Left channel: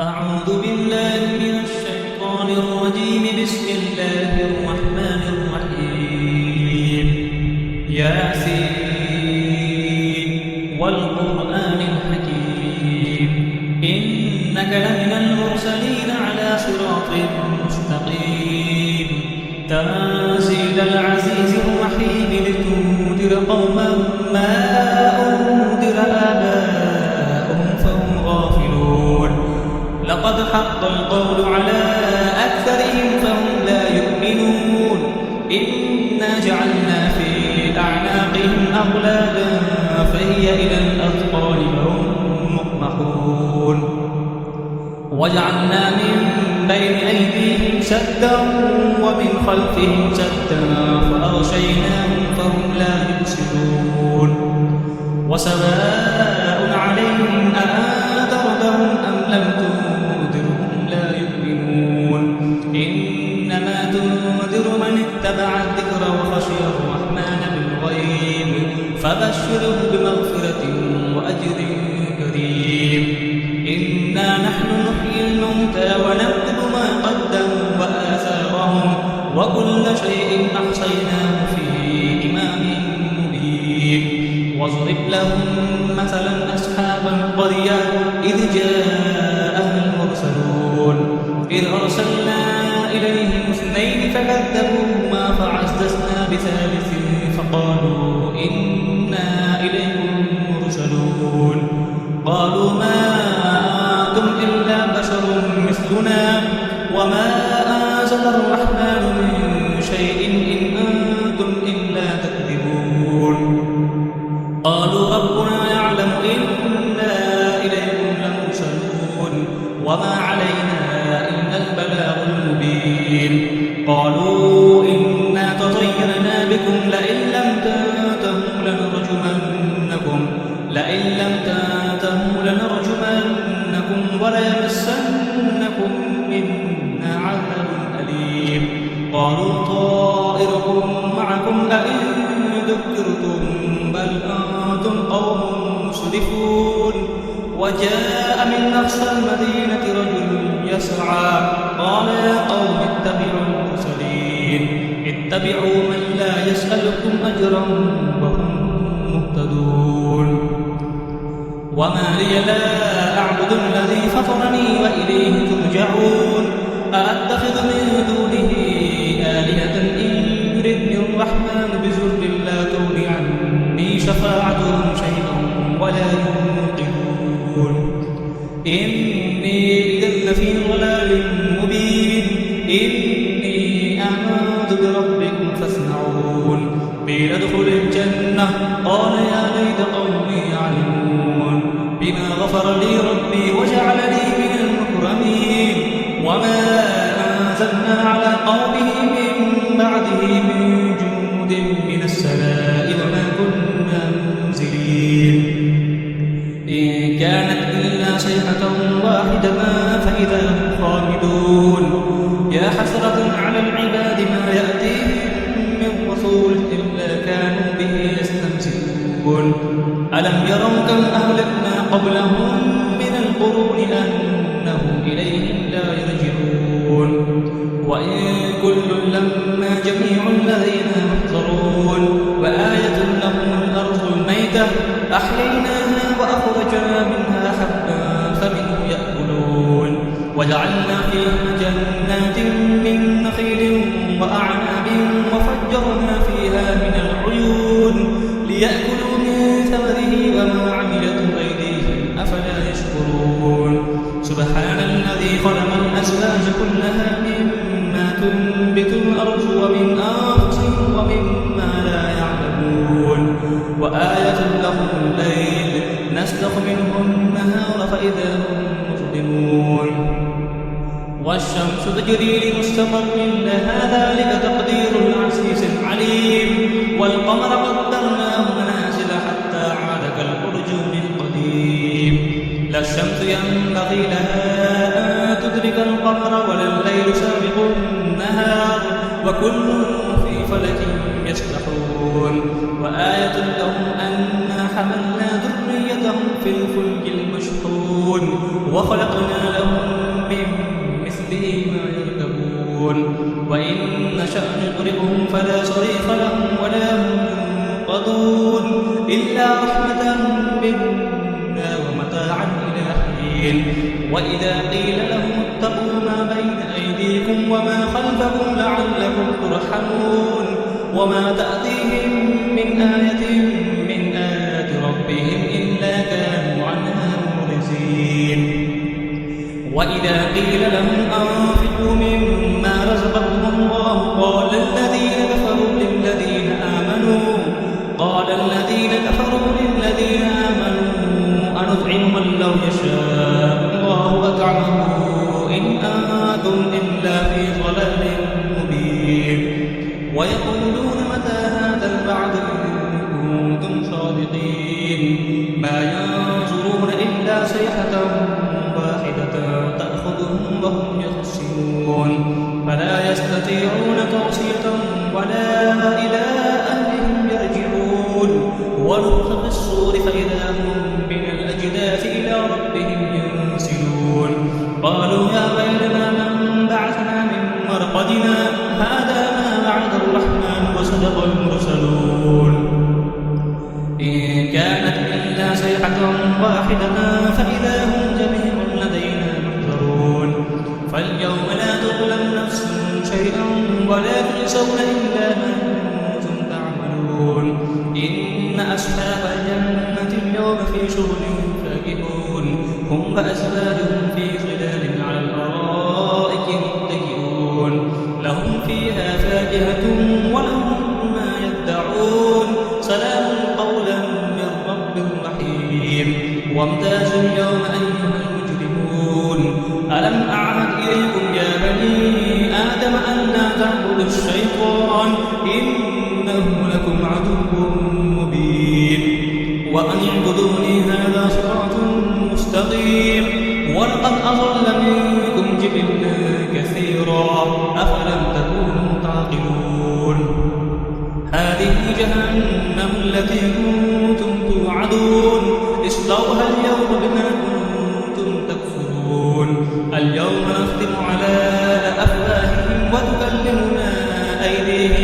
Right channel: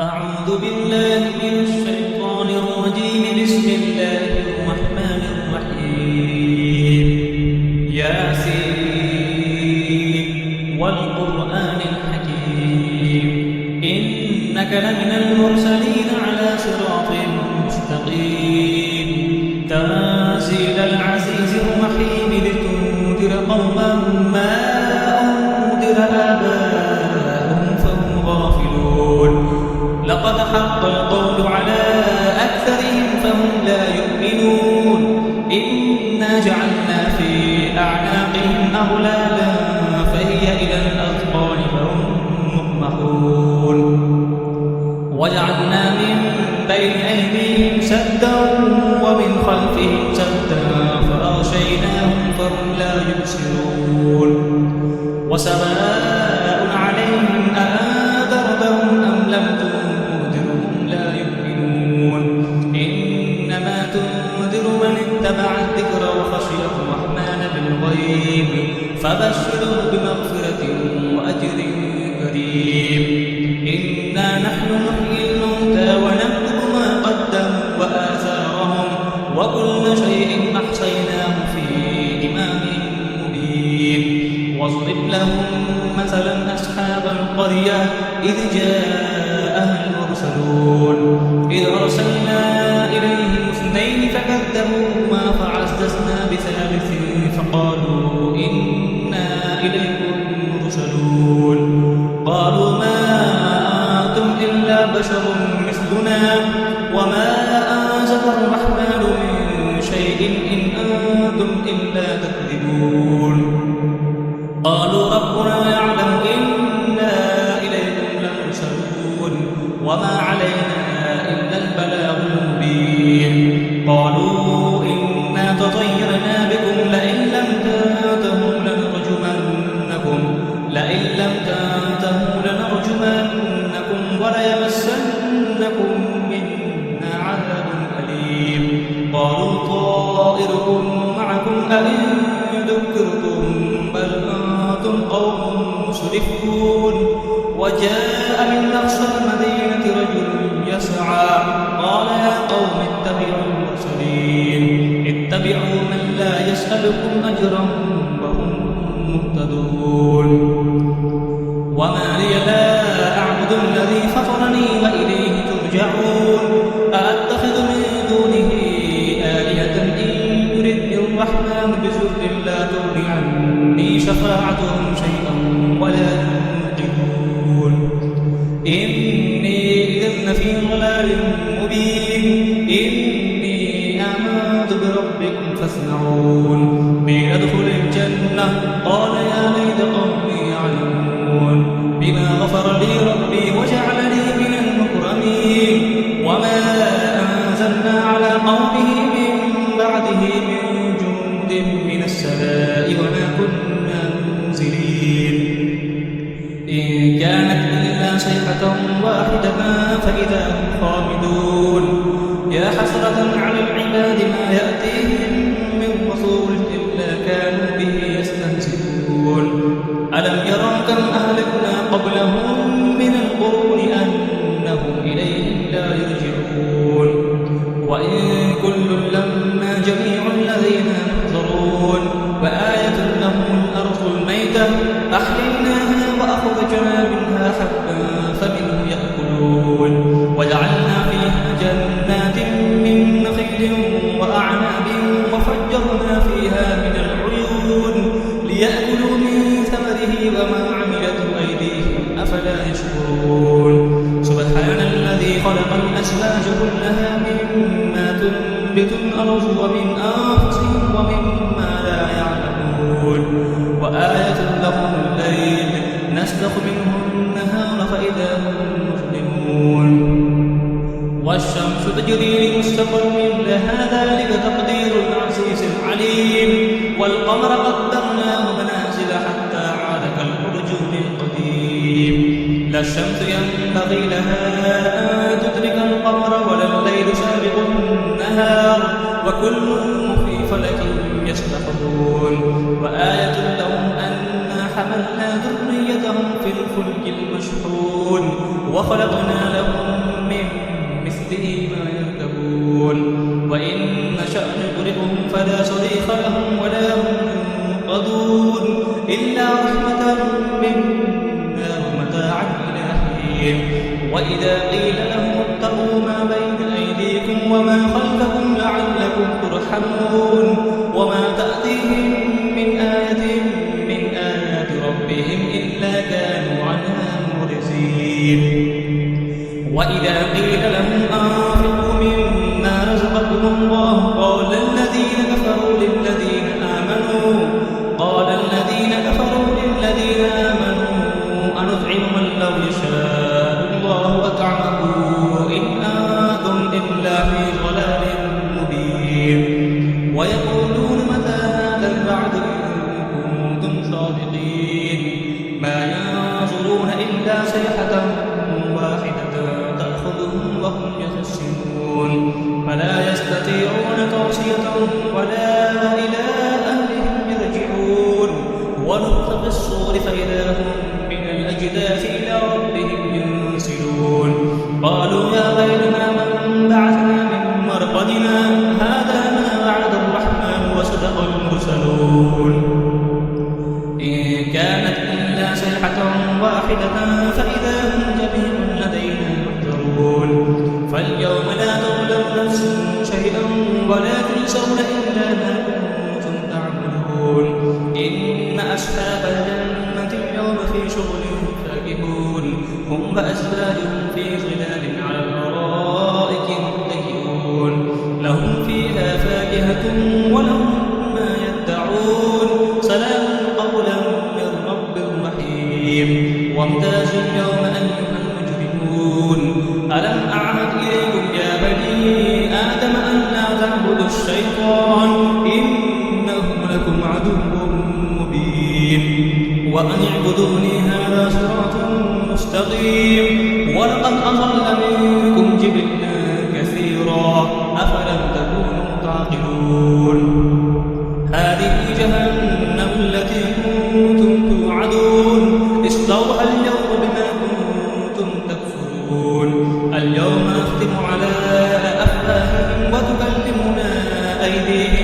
أعوذ بالله من الشيطان الرجيم. بسم الله الرحمن الرحيم. ياسين والقرآن الحكيم إنك لمن المرسلين على صراط مستقيم تنزيل العزيز الرحيم لتنذر قوما ما أنذر آباؤهم فهم غافلون. لقد حق القول على أكثرهم فهم لا يؤمنون. إنا جعلنا في أعناقهم أغلالا فهي إلى الأذقان فهم مقمحون. وجعلنا من بين أيديهم سدا ومن خلفهم سدا فأغشيناهم فهم لا يبصرون. وسواء عليهم أأنذرتهم أم لم تنذرهم لا يؤمنون. إنما تنذر من اتبع الذكر وخشي الرحمن بالغيب فبشره بمغفرة وأجر كريم. إنا نحن نحيي الموتى ونكتب ما قدموا وآثارهم وكل شيء أحصيناه في إمام مبين. واضرب لهم مثلا أصحاب القرية إذ جاءها المرسلون إذ أرسلنا إليهم اثنين فكذبوهما فعززنا بثالث فقالوا إنا إليكم مرسلون. قالوا ما أنتم إلا بشر مثلنا وما أنزل الرحمن من شيء إن أنتم إلا تكذبون. قالوا ربنا يعلم إنا إليكم لمرسلون وما علينا إلا البلاغ المبين. قالوا إنا تطيرنا بكم لئن لم تنتهوا لنرجمنكم وليمسنكم منا عذاب أليم. قالوا طائركم معكم أئن ذكرتم بل أنتم قوم مسرفون. وجاء من أقصى المدينة رجل يسعى قال يا قوم اتبعوا المرسلين اتبعوا من لا يسألكم أجرا وهم مهتدون. وما لي لا أعبد الذي فطرني وإليه ترجعون. أأتخذ من دونه آلهة إن يردني الرحمن بضر لا تغن عني شفاعتهم شيئا ولا ينقذون. إني إذا لفي ضلال مبين. إني آمنت بربكم فاسمعون. قيل ادخل الجنة قال يا ليت قومي يعلمون بما غفر لي ربي وجعلني من المكرمين. وما أنزلنا على قومه من بعده من جند من السماء وما كنا منزلين. إن كانت إلا صيحة واحدة فإذا هم خامدون. يا حسرة على العباد ما يأتيهم من رسول إلا كانوا به يستهزئون. ألم يروا كم أهلكنا قبلهم من القرون أنهم إليهم لا يرجعون. وإن كل لما جميع لدينا محضرون. وآية لهم الأرض الميتة أحييناها وأخرجنا منها حبا فمنه يأكلون. وجعلنا فيها جنات من نخيل وأعناب وفجرنا فيها من العيون ليأكلوا من ثمره وما عملته أيديهم أفلا يشكرون. سبحان الذي خلق الأزواج كلها مما تنبت الأرض ومن أنفسهم ومما لا يعلمون. وآية لهم الليل نسلخ منه النهار فإذا هم مظلمون. والشمس تجري لمستقر لها ذلك تقدير العزيز العليم. والقمر قدرناه منازل حتى عاد كالأرجون القديم. لا الشمس ينبغي لها أن تدرك القمر ولا الليل سابق النهار وكل في فلك يسبحون. وآية لهم أنا حملنا ذريتهم في الفلك المشحون وخلقنا لهم به ما يركبون وإن نشأ نغرقهم فلا صريخ لهم ولا هم ينقذون إلا رحمة منا ومتاعا إلى حين وإذا قيل لهم اتقوا ما بين أيديكم وما خلفكم لعلكم ترحمون وما تأتيهم من آية من آيات ربهم إلا كانوا عنها معرضين وإذا قيل لهم أنفقوا مما رزقكم الله قال الذين كفروا للذين آمنوا أنطعم من لو يشاء الله أطعمه إن أنتم إلا في ضلال مبين ويقولون متى هذا الوعد إن كنتم صادقين ما ينظرون إلا صيحة واحدة تأخذهم وهم يخصمون فلا يستطيعون توصية ولا إلى أهلهم يرجعون ونفخ في الصور فإذا هم من الأجداث إلى ربهم ينسلون قالوا يا ويلنا من بعثنا من مرقدنا هذا ما وعد الرحمن وصدق المرسلون إن كانت إلا صيحة واحدة فإذا هم جميع لدينا محضرون فاليوم لا تظلم نفس شيئا ولا تجزون إلا ما كنتم تعملون إن أصحاب الجنة اليوم في شغل فاكهون هم وأزواجهم في ظلال على الأرائك متكئون لهم فيها فاكهة ولهم ما يدعون سلام قولا من رب رحيم وامتازوا اليوم أيها المجرمون ألم أعهد إليكم يا بني آدم أن لا تعبدوا الشيطان إنه لكم عدو مبين وأن اعبدوني هذا صراط مستقيم ولقد أضل منكم جبلا كثيرا أفلم تكونوا تعقلون هذه جهنم التي كنتم توعدون اصلوها اليوم بما كنتم تكفرون اليوم نختم على أفواههم وتكلمنا أيديهم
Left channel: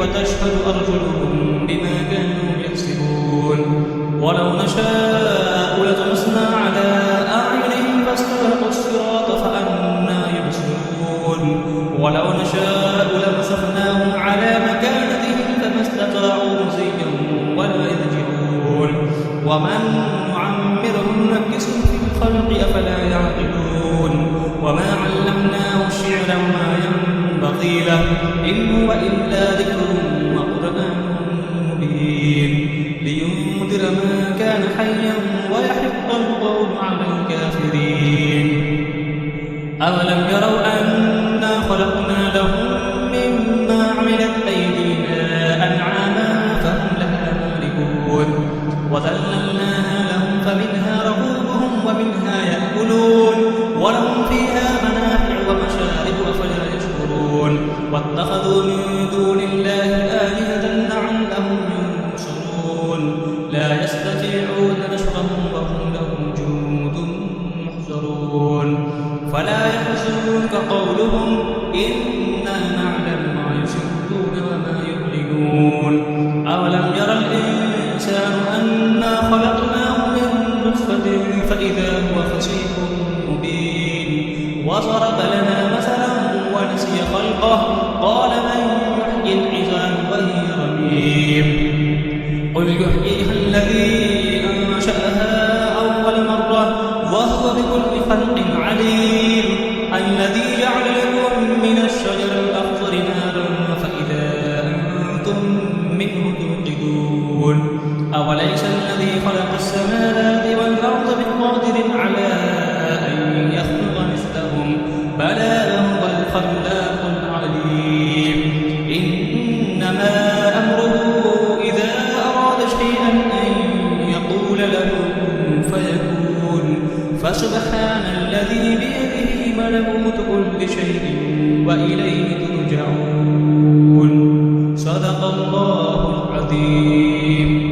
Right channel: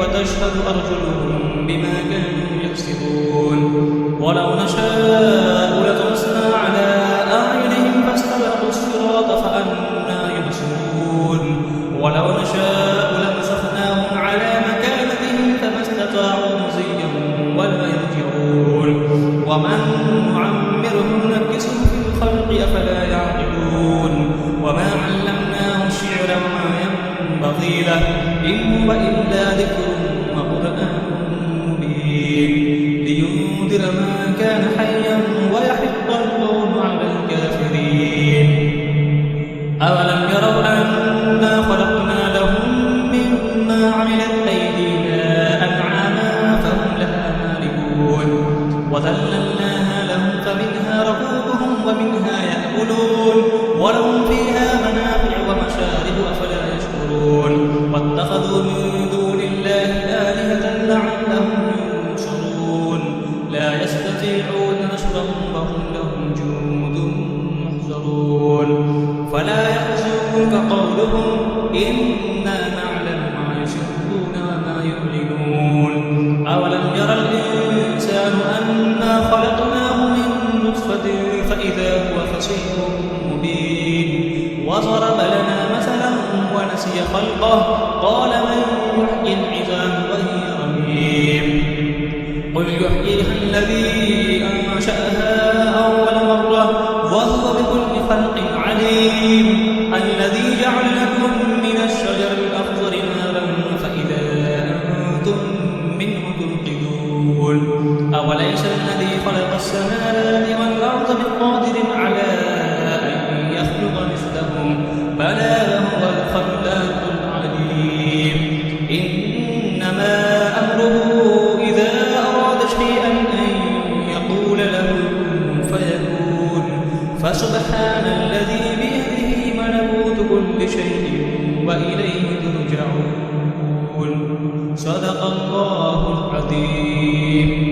وتشهد أرجلهم بما كانوا يكسبون ولو نشاء لطمسنا على أعينهم فاستبقوا الصراط فأنى يبصرون ولو نشاء لمسخناهم على مكانتهم فما استطاعوا مزيا ولا يرجعون ومن نعمره ننكسه في الخلق أفلا يعقلون وما علمناه الشعر وما ينبغي له إن هو إلا ذكر وقرآن مبين لينذر ما كان حيا ويحق القول على الكافرين أولم يروا أنا خلقنا لهم مما عملت أيدينا أنعاما فهم لها مالكون وذللناها لهم فمنها ركوبهم ومنها يأكلون ولهم فيها منافع ومشارب أفلا يشكرون واتخذوا من دون الله آلهة لعلهم ينصرون لا يستطيعون نصرهم وهم لهم جند محضرون فلا يحزنك قولهم إنا نعلم ما يسرون وما يعلنون أولم يرى الإنسان أنا خلقناه من نطفة فإذا هو خصيم مبين وضرب لنا مثلا ونسي خلقه قال من يحيي العظام وهي رميم قل يحييها الذي أنشأها أول مرة وهو بكل خلق عليم الذي جعل لكم من الشجر الأخضر نارا فإذا أنتم منه توقدون أوليس الذي خلق السماوات والأرض بقادر على أن يخلق مثلهم بلى هو الخلاق العليم إنما أمره إذا أراد شيئا أن يقول له كن فيكون فسبحان الذي بيده ملكوت كل شيء وإليه ترجعون صدق الله العظيم